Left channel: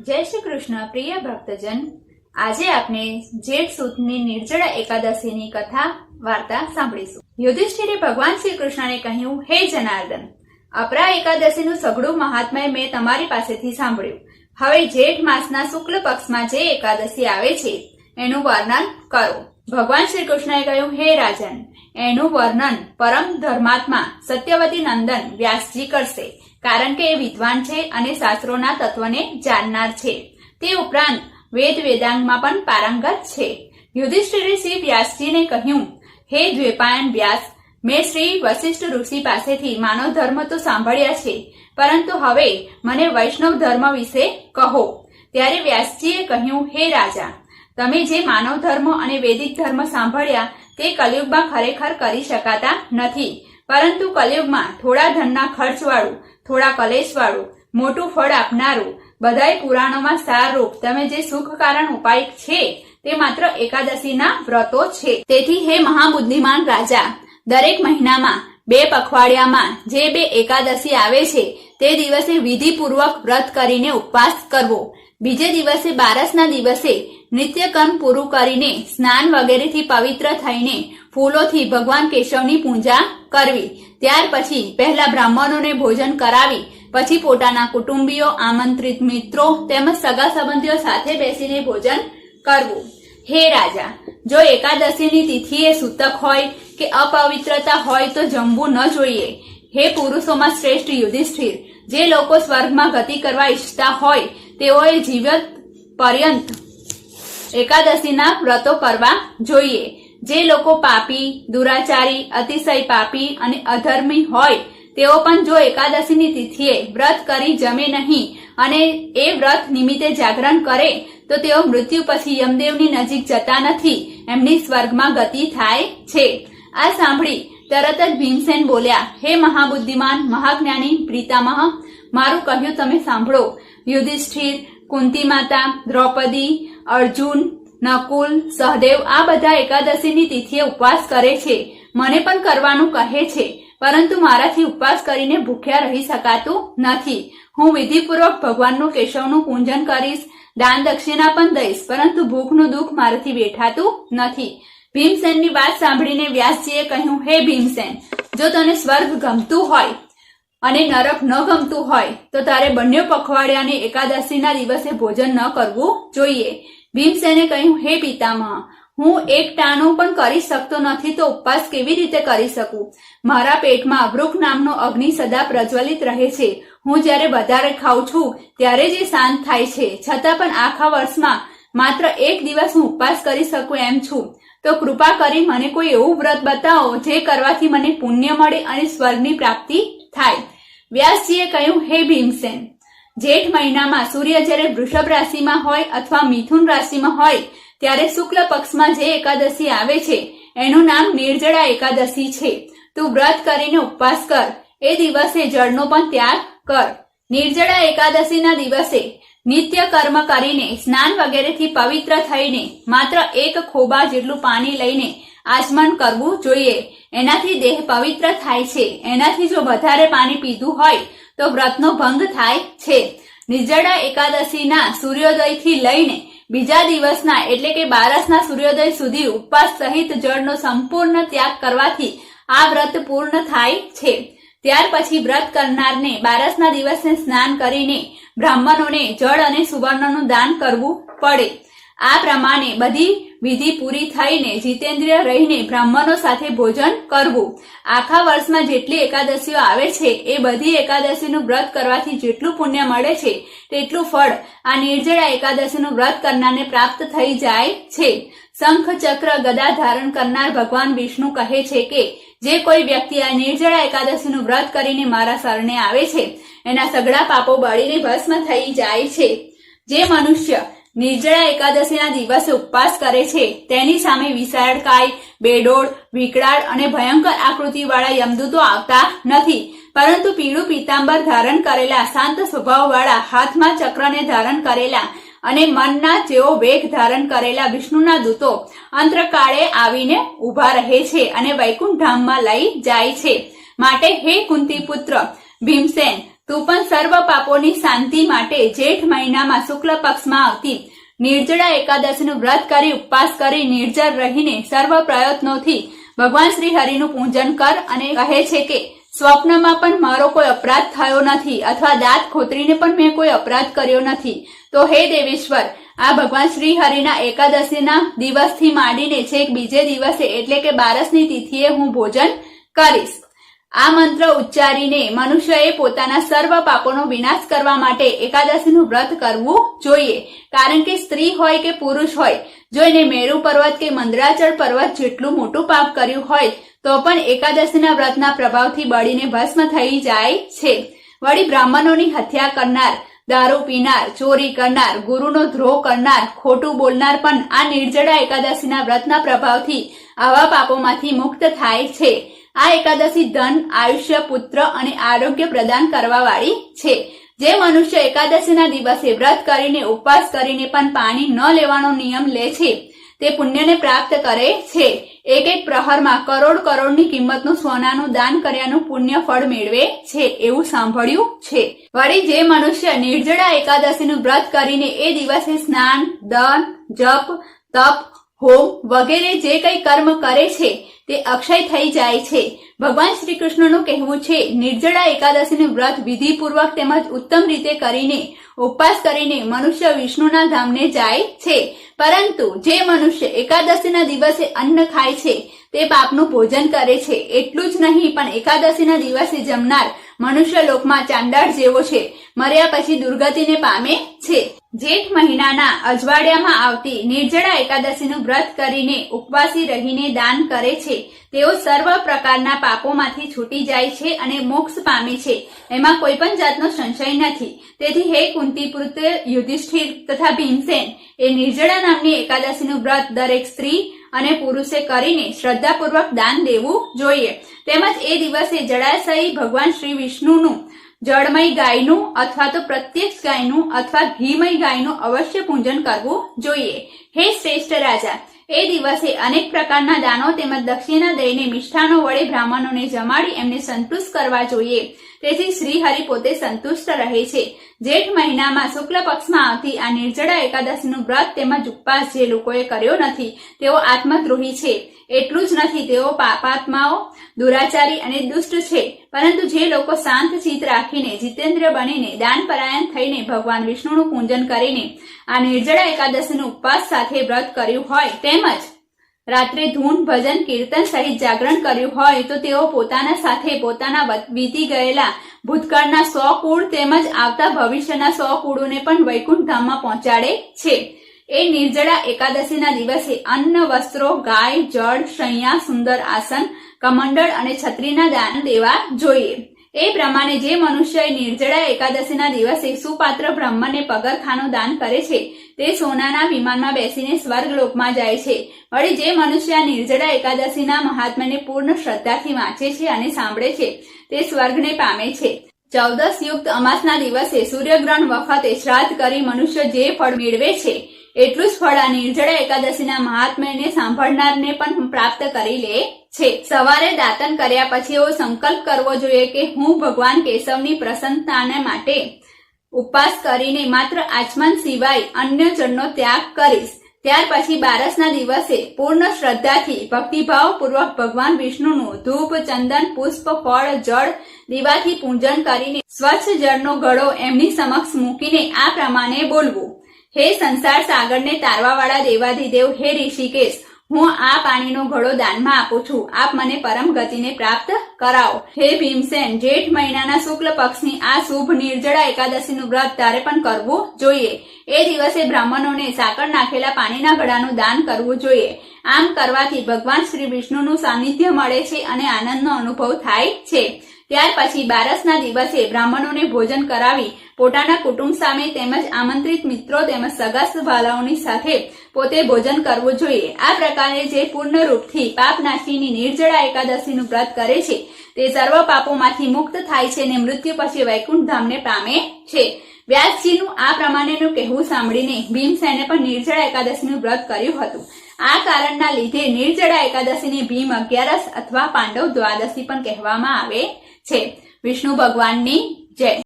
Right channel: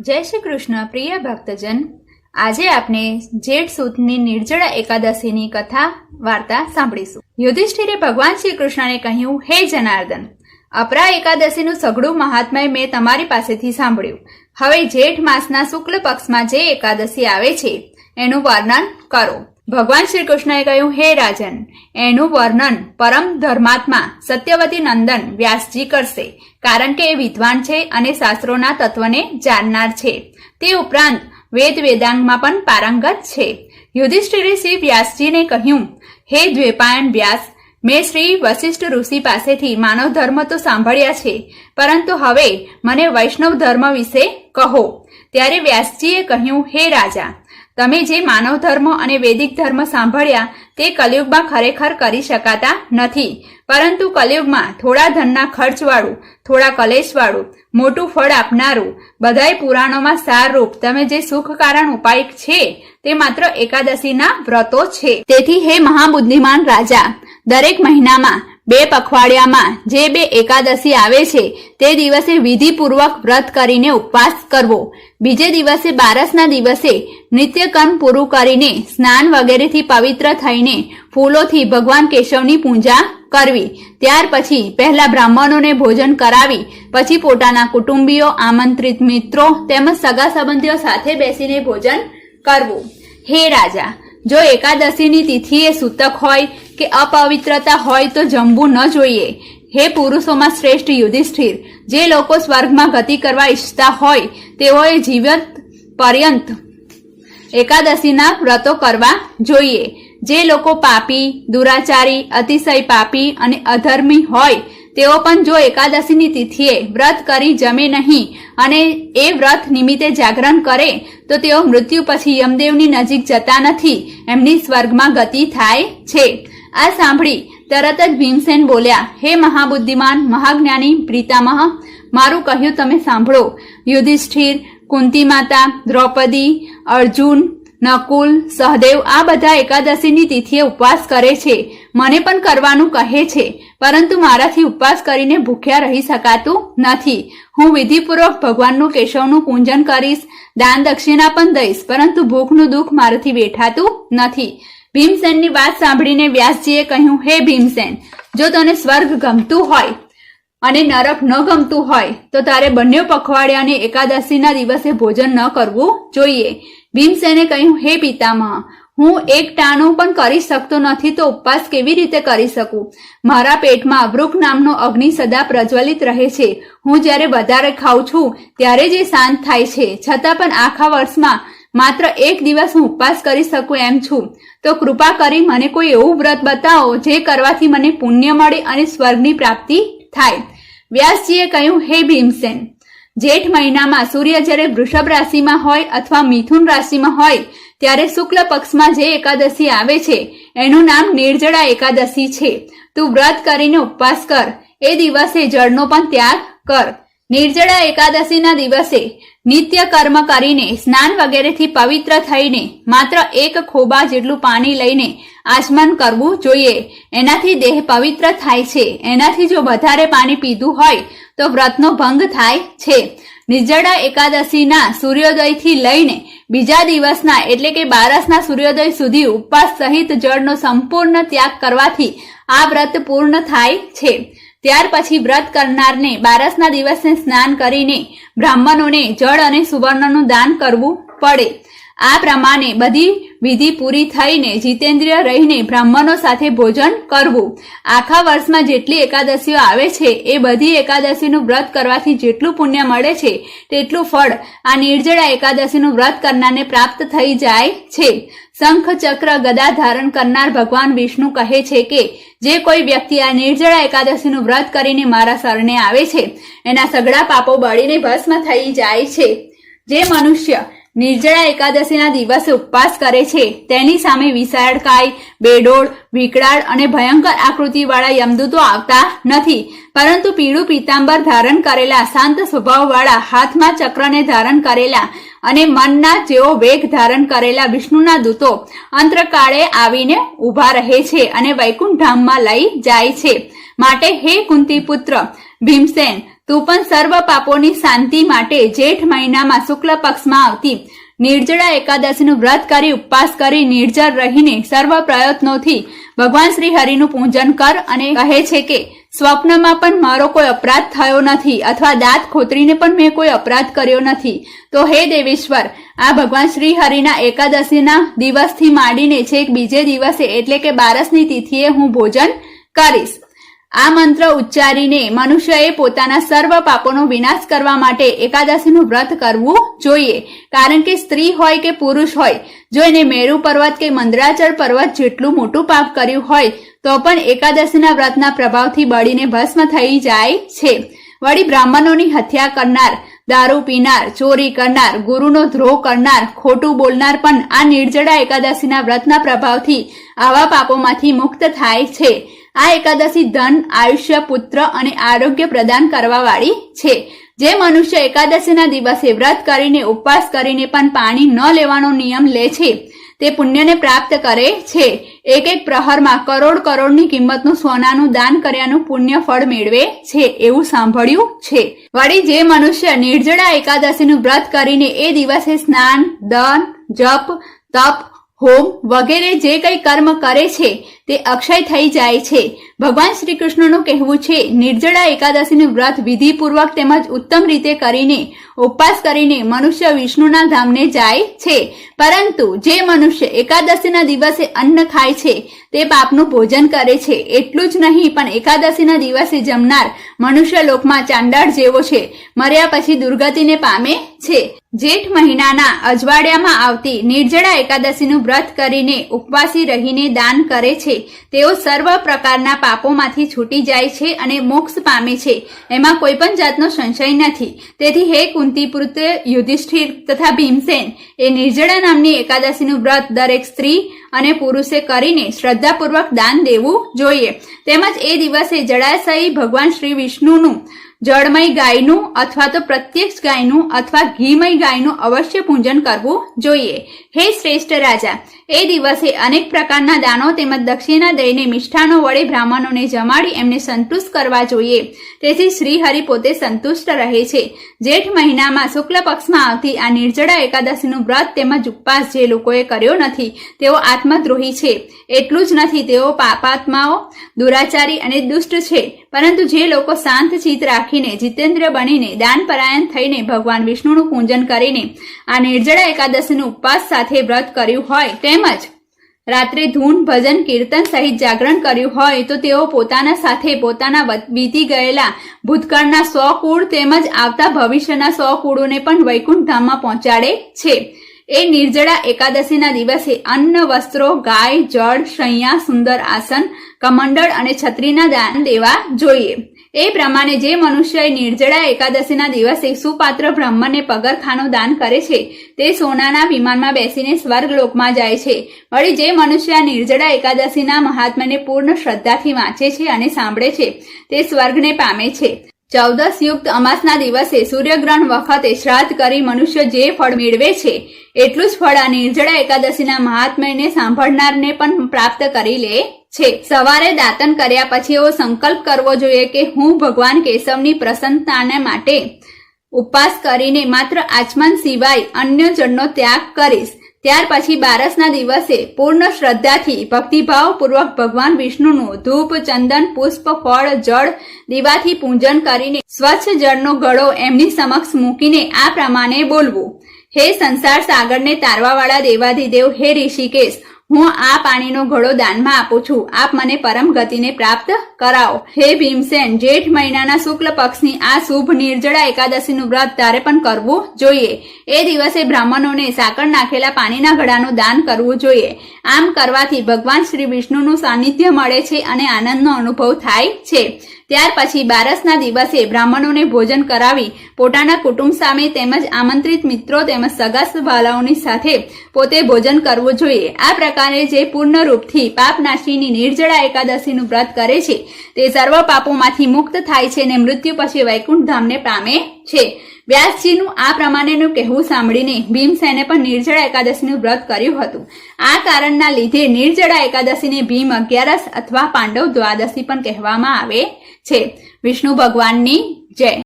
જય શ્રી કૃષ્ણ, પ્રિય ભક્તજન. આજે આપણે જેઠ સુદની નિર્જળા એકાદશીની કથા, વાર્તા સાંભળીશું. યુધિષ્ઠિરે ભગવાન શ્રી કૃષ્ણને કહ્યું, હે જનાર્દન, અપરા એકાદશીનું સઘળું મહાત્મય મેં તમારી પાસેથી સાંભળ્યું. હવે જેઠ માસના શુક્લ પક્ષમાં જે એકાદશી આવે છે, એનું વર્ણન કરો. ભગવાન શ્રી કૃષ્ણએ કહ્યું, હે રાજન, એનું વર્ણન પરમ ધર્માત્મા સત્યવતી નંદન વ્યાસજી કરશે, કારણ કે એ વિદ્વાન છે અને શાસ્ત્રોના તત્વને જાણનાર છે. તે ઉપરાંત વેદ વેદાંગમાં પણ પારંગત છે. યુધિષ્ઠિરે શ્રી વ્યાસજીને કહ્યું, હે દ્વેપાયન વ્યાસ, મેં શ્રી વશિષ્ઠ ઋષિ પાસેથી માનવ ધર્મ તો સાંભળ્યા છે, પરંતુ હવે મને વૈષ્ણવ ધર્મ વિશે કહો. ત્યારે વ્યાસજીએ કહ્યું, હે રાજા તમે જે માનવ ધર્મ અને વૈદિક ધર્મ સાંભળ્યા, તે કલયુગમાં ખરેખર કરી શકાતા નથી. પરંતુ કલયુગમાં થોડા ધનના ખર્ચવાળું, થોડા કલેશવાળું, મોટું ફળ આપનારું, બધાય પુરાણોમાં સારરૂપ તમે જે સુખ કારણ ઉપાય છે, તે માત્ર એકાદશીના વ્રતો છે. તેથી હે મહાબુદ્ધિમાન રાજા, દરેક મહિનામાં બે પખવાડિયામાં જે બે એકાદશી આવે છે, તે દિવસે વિધિપૂર્વક વ્રત કરીને ઉપવાસ કરવો. બીજે દિવસે બારસના દિવસે નિત્યકર્મ પૂરું કરીને સ્નાન વગેરેથી પવિત્ર થઈને ફૂલોથી ભગવાન કેશવની પૂજા કરવી. ત્યાર પછી પહેલા બ્રાહ્મણોને ભોજન કરાવી, પછી પોતાના કુટુંબીઓ, આમંત્રિત મિત્રો તેમજ સગા સંબંધીઓ સાથે બેસીને ભોજન કરવું. હે રાજા, જો એકાદશીની તિથિએ સૂતક હોય કે અપવિત્રતા હોય તો જમવું ન જોઈએ. હે પુરુષોમાં શ્રેષ્ઠ યુધિષ્ઠિર, જે લોકો સ્વર્ગમાં ગતિ કરવા ઈચ્છતા હોય, તેઓએ જીવત પર્યંત એકાદશીના વ્રતો કરવા જોઈએ. જે લોકો પાપી, દુરાચારી, અતિશય પાપી અને અધર્મી હોય, તેઓ પણ જો એકાદશીની તિથિએ વ્રત કરી જમે નહીં અને એ વ્રત નિમિત્તે જાગરણ કરે, તો તેઓ મૃત્યુ પછી યમદેવની નજીક જતા નથી. એમની સ્વર્ગમાં ગતિ થાય છે. આ સાંભળી તરત જ ભીમસેન બોલ્યા, હે મહાબુદ્ધિમાન, મહાજ્ઞાની, પ્રીતામહ, મારું કહ્યું તમે સાંભળો. યુધિષ્ઠિર કુંતી માતા દ્રૌપદી, અર્જુન, નકુલ, સહદેવ આ બધા એકાદશીની તિથિએ ઉપવાસ કરે છે. મને પણ કરવાનું કહે છે, પરંતુ મારાથી ઉપવાસ કરીને ભૂખ્યા રહી શકાતું નથી. હું વિધિપૂર્વક ભગવાનનું કેશવનું પૂજન કરીશ, દાન દક્ષિણા પણ દઈશ, પરંતુ ભૂખનું દુઃખ મારાથી વેઠાતું નથી. ભીમસેનની વાત સાંભળીને વ્યાસજીએ કહ્યું, હે ભીમસેન, જો તને સ્વર્ગ ગમતું હોય અને નરક ન ગમતું હોય, તો તારે બંને પખવાડિયાને એકાદશીના દિવસે ભોજન ન કરવું જોઈએ. ભીમસેને કહ્યું, હે પિતામહ, હું એક ટાણું પણ કરી શકતો નથી તો ઉપવાસ કેવી રીતે કરી શકું? મારા પેટમાં વૃક્ષ નામનો અગ્નિ સદા પ્રજ્વલિત રહે છે. હું જ્યારે વધારે ખાઉં છું, ત્યારે જ શાંત થાય છે. છતાં પણ આખા વર્ષમાં માત્ર એક દિવસ હું ઉપવાસ કરી શકું એમ છું. તો કૃપા કરી મને કોઈ એવું વ્રત બતાવો જે કરવાથી મને પુણ્ય મળે અને સ્વર્ગની પ્રાપ્તિ થાય. વ્યાસજીએ કહ્યું, હે ભીમસેન, જેઠ મહિનામાં સૂર્ય જ્યારે વૃષભ રાશિમાં હોય અથવા મિથુન રાશિમાં હોય, ત્યારે શુક્લ પક્ષમાં જે એકાદશી આવે છે, એનું નામ નિર્જળા એકાદશી છે. તું વ્રત કરીને ઉપવાસ કર. એ દિવસે જળનો પણ ત્યાગ કર. નિર્જળા એકાદશીના દિવસે નિત્ય કર્મ કરીને સ્નાન વગેરેથી પવિત્ર થઈને માત્ર એક ખોબા જેટલું પાણી લઈને આચમન કરવું જોઈએ. એનાથી દેહ પવિત્ર થાય છે. એનાથી જો વધારે પાણી પીધું હોય તો વ્રતનો ભંગ થાય છે. નિર્જળા એકાદશીના સૂર્યોદયથી લઈને બીજા દિવસના એટલે કે બારસના સૂર્યોદય સુધી ઉપવાસ સહિત જળનો સંપૂર્ણ ત્યાગ કરવાથી આ વ્રત પૂર્ણ થાય છે. ત્યાર પછી વ્રત કરનારને બારસના દિવસે સ્નાન કરીને બ્રાહ્મણોને જળ અને સુવર્ણનું દાન કરવું પડે. આ પ્રમાણે બધી વિધિ પૂરી થઈને જીતેન્દ્રિય રહીને બ્રાહ્મણો સાથે ભોજન કરવું. આખા વર્ષમાં જેટલી એકાદશીઓ આવે છે, એ બધી એકાદશીનું વ્રત કરવાથી જેટલું પુણ્ય મળે છે, તેટલું ફળ આ નિર્જળા એકાદશીનું વ્રત કરનારને પ્રાપ્ત થઈ જાય છે. શંખ ચક્ર ગદા ધારણ કરનાર ભગવાન વિષ્ણુ કહે છે કે, જે કોઈ વ્યક્તિ આ નિર્જળા એકાદશીનું વ્રત કરીને મારા શરણે આવે છે, એના સગડા પાપો બળીને ભસ્મ થઈ જાય છે. જે મનુષ્ય નિર્જળા એકાદશીના દિવસે ઉપવાસ કરે છે. તેની સામે વિશાળકાય, બેડોળ વિકરાળ અને ભયંકર આકૃતિવાળા યમદૂતો આવતા નથી. પરંતુ પીળું પીતાંબર ધારણ કરેલા, શાંત સ્વભાવવાળા, હાથમાં ચક્રને ધારણ કરેલા અને મનના જેવો વેગ ધારણ કરેલા વિષ્ણુના દૂતો અંતરકાળે આવીને ઊભા રહે છે અને વૈકુંઠ ધામમાં લઈ જાય છે. માટે હે કુંતી પુત્ર ભીમસેન તું પણ સર્વ પાપોની શાંતિ માટે જેઠ મહિનામાં શુક્લ પક્ષમાં આવતી નિર્જળા એકાદશીનું વ્રત કરી, ઉપવાસ કરી નિર્જળ રહીને સર્વ પ્રયત્નોથી ભગવાન શ્રી હરિનું પૂજન કર અને કહે છે કે, સ્વપ્નમાં પણ મારો કોઈ અપરાધ થયો નથી અથવા દાંત ખોતરીને પણ મેં કોઈ અપરાધ કર્યો નથી. તો હે દેવેશ્વર, આ ભગવાન શ્રી હરિના એકાદશીના દિવસથી માંડીને છેક બીજે દિવસે એટલે કે બારસની તિથિએ હું ભોજન કરીશ. આ મંત્ર ઉચ્ચારીને મનુષ્યએ પોતાના સર્વ પાપોનો વિનાશ કરવા માટે એકાદશીનું વ્રત કરવું જોઈએ. કારણ કે સ્ત્રી હોય કે પુરુષ હોય, જો એને મેરુ પર્વત કે મંદરાચળ પર્વત જેટલું મોટું પાપ કર્યું હોય, તો પણ એકાદશીના વ્રતના પ્રભાવથી બળીને ભસ્મ થઈ જાય છે. વળી બ્રાહ્મણોની હત્યા કરનાર, દારૂ પીનાર, ચોરી કરનાર, ગુરુનો ધ્રોહ કરનાર, ખોટું બોલનાર પણ આ નિર્જળા એકાદશીના વ્રતના પ્રભાવથી આવા પાપોમાંથી મુક્ત થાય છે. આ એકાદશી ધન, આયુષ્ય, પુત્ર અને આરોગ્ય પ્રદાન કરવા વાળી છે. જે મનુષ્ય એકાદશીના દિવસે વ્રત કરીને, ઉપવાસ કરીને પણ પાણી ન લેવાનો નિયમ લે છે, તે પુણ્યને પ્રાપ્ત કરે છે. એક એક પ્રહરમાં કરોડ કરોડની કિંમતનું સોનાનું દાન કર્યાનું પુણ્ય ફળ મેળવે છે, એવું સાંભળ્યું છે. વળી જે મનુષ્ય નિર્જળા એકાદશીનું વ્રત કરીને એ દિવસે સ્નાન દન જપ, તપ હોમ વગેરે જે કંઈ કર્મ કરે છે, તે અક્ષય થઈ જાય છે. ભગવાન શ્રી કૃષ્ણનું કહેવું છે, નિર્જળા એકાદશીનું વ્રત વિધિપૂર્વક તેમજ ઉત્તમ રીતે કરીને, ઉપવાસ કરીને મનુષ્ય વિષ્ણુના ધામને જાય છે. પરંતુ જે મનુષ્ય એકાદશીના દિવસે અન્ન ખાય છે, તે પાપનું ભોજન કરે છે. એટલું જ નહીં, પણ એકાદશીના દિવસે જમનાર મનુષ્ય લોકમાં ચાંદાળ જેવો છે. મર્યા પછી દુર્ગતિને પામે છે. જેઠ મહિનાના અજવાડિયામાં આવતી નિર્જળા એકાદશીનું વ્રત કરીને ઉપવાસી રહીને દાન કરે છે. તેઓ સર્વ પ્રકારના પાપોમાંથી છૂટી જાય છે અને મોક્ષ પામે છે. એમાં કોઈ પણ જાતનો સંશય નથી. તેથી હે કુંતી પુત્ર યુધિષ્ઠિર તથા ભીમસેન, એ નિર્જળા નામની એકાદશીનું વ્રત દરેક સ્ત્રી અને પુરુષે કરીને શ્રદ્ધાપૂર્વક દાન દેવું જોઈએ. તેમજ એ દિવસે જળાશયી ભગવાન શ્રી વિષ્ણુનું, જળમય ગાયનું અથવા તો પ્રત્યક્ષ ગાયનું અથવા ઘીમય ગાયનું અવશ્ય પૂજન કરવું જોઈએ. હે શ્રેષ્ઠ રાજા, એ દિવસે અનેક પ્રકારના દાનો તેમજ દક્ષિણા દઈને મિષ્ઠાનો વડે બ્રાહ્મણોને જમાડી એમને સંતુષ્ટ કરવા જોઈએ. તેથી શ્રી હરિ પોતે સંતુષ્ટ રહે છે. જેઠ મહિનામાં શુક્લ પક્ષમાં આવતી આ નિર્જળા એકાદશીનું વ્રત તેમજ ઉપવાસ જે લોકોએ કર્યો નથી, તેઓ આત્મદ્રોહી છે. એટલું જ નથી, તેઓ પાપાત્માઓ, દુરાચારી અને દુષ્ટ છે. પરંતુ જે લોકો શાંત ચિત્ત રાખીને જીતેન્દ્ર બનીને દાનપરાયણ થઈને ભગવાન વિષ્ણુનું પૂજન કરીને આ નિર્જળા એકાદશીનું ઉપવાસ સાથે વ્રત કર્યું હોય તેમજ રાત્રે ધૂન, ભજન, કીર્તન સહિત જાગરણ કર્યું હોય તો તેઓ પોતાના સાથે પોતાના વીતી ગયેલા ભૂતકાળના સો કુળ તેમજ આવતા ભવિષ્યના સો કુળોને પણ વૈકુંઠ ધામમાં પહોંચાડે છે. એ નિર્જળા એકાદશીના દિવસે અન્ન, વસ્ત્રો, ગાય, જળ, શૈયા, સુંદર આસન, કમંડળ અને છત્રીના દાન દેવા જોઈએ. એ પ્રમાણે જે મનુષ્ય નિર્જળા એકાદશીના દિવસે સુપાત્ર બ્રહ્મને પગરખાનું દાન કરે છે તે સોનાના વિમાનમાં બેસીને સ્વર્ગલોકમાં જાય છે. વળી જે મનુષ્ય નિર્જળા એકાદશીના મહાત્માને પૂર્ણ શ્રદ્ધાથી વાંચે છે અને સાંભળે છે, તે સ્વર્ગને પામે છે. ચૌદસ યુક્ત અમાસના દિવસે સૂર્યગ્રહણ વખતે શ્રાદ્ધ કરી મનુષ્ય જે ફળ મેળવે છે, એટલું જ ફળ આ નિર્જળા એકાદશીના મહાત્મ્યને સાંભળનારને પણ પ્રાપ્ત કરી લે છે. સવારે દાતન કર્યા પછી એવો સંકલ્પ કરવો જોઈએ કે હું ભગવાન કેશવની પ્રસન્નતાને માટે ઉપવાસ કરીને માત્ર આચમન સિવાય અન્ય જળનો ત્યાગ કરીશ. ત્યાર પછી બારસના દિવસે પૂર્ણ શ્રદ્ધાથી ભક્તિભાવપૂર્વક ભગવાન વિષ્ણુનું ધૂપ, ચંદન, પુષ્પ, ફળ, જળ દીવાથી પૂજન કરીને સ્વચ્છ જળનો ગળો એમની સમક્ષ મૂકીને આ પ્રમાણે બોલવું. હે સંસાર સાગરને તારવાવાળા દેવાધિદેવ, હે ઋષિકેશ હું આ પાણીનો ઘડો દાનમાં આપું છું. આપ મને પરમ ગતિને પ્રાપ્ત કરાવો. હે ભીમસેન, જેઠ મહિનાના શુક્લ પક્ષની આ શુભ નિર્જળા એકાદશીનું વ્રત તારે પણ કરવું જોઈએ. એ દિવસે બ્રાહ્મણોને સાકર નાખેલા પાણીના ઘડાનું દાન કરવું જોઈએ. આમ કરવાથી ભગવાન શ્રી વિષ્ણુનું સાનિધ્ય મળે છે અને આનંદનો અનુભવ થાય છે. ત્યાર પછી બારસના દિવસે બ્રાહ્મણોને ભોજન કરાવી પોતાના કુટુંબ સામે તેમજ આમંત્રિત મિત્રો તેમજ સગા ભાલાઓની સાથે પોતે ભોજન કરવું જોઈએ. આ પ્રકારે જે પૂર્ણ રૂપથી પાપનાશીની નિર્જળા એકાદશીનું વ્રત કરે છે, તે સર્વ પાપોમાંથી મુક્ત થાય છે અને મૃત્યુ પછી વૈકુંઠ ધામને પામે છે. વ્યાસજીનું આ પ્રમાણેનું કહેવું સાંભળીને ભીમસેને પણ નિર્જળા એકાદશીનું વ્રત કર્યું હતું. આ કારણના લીધે નિર્જળા એકાદશીને ભીમ અગિયારસ અથવા પાંડવ દ્વાદશી પણ કહેવામાં આવે છે. વિષ્ણુ ભગવાનની જય.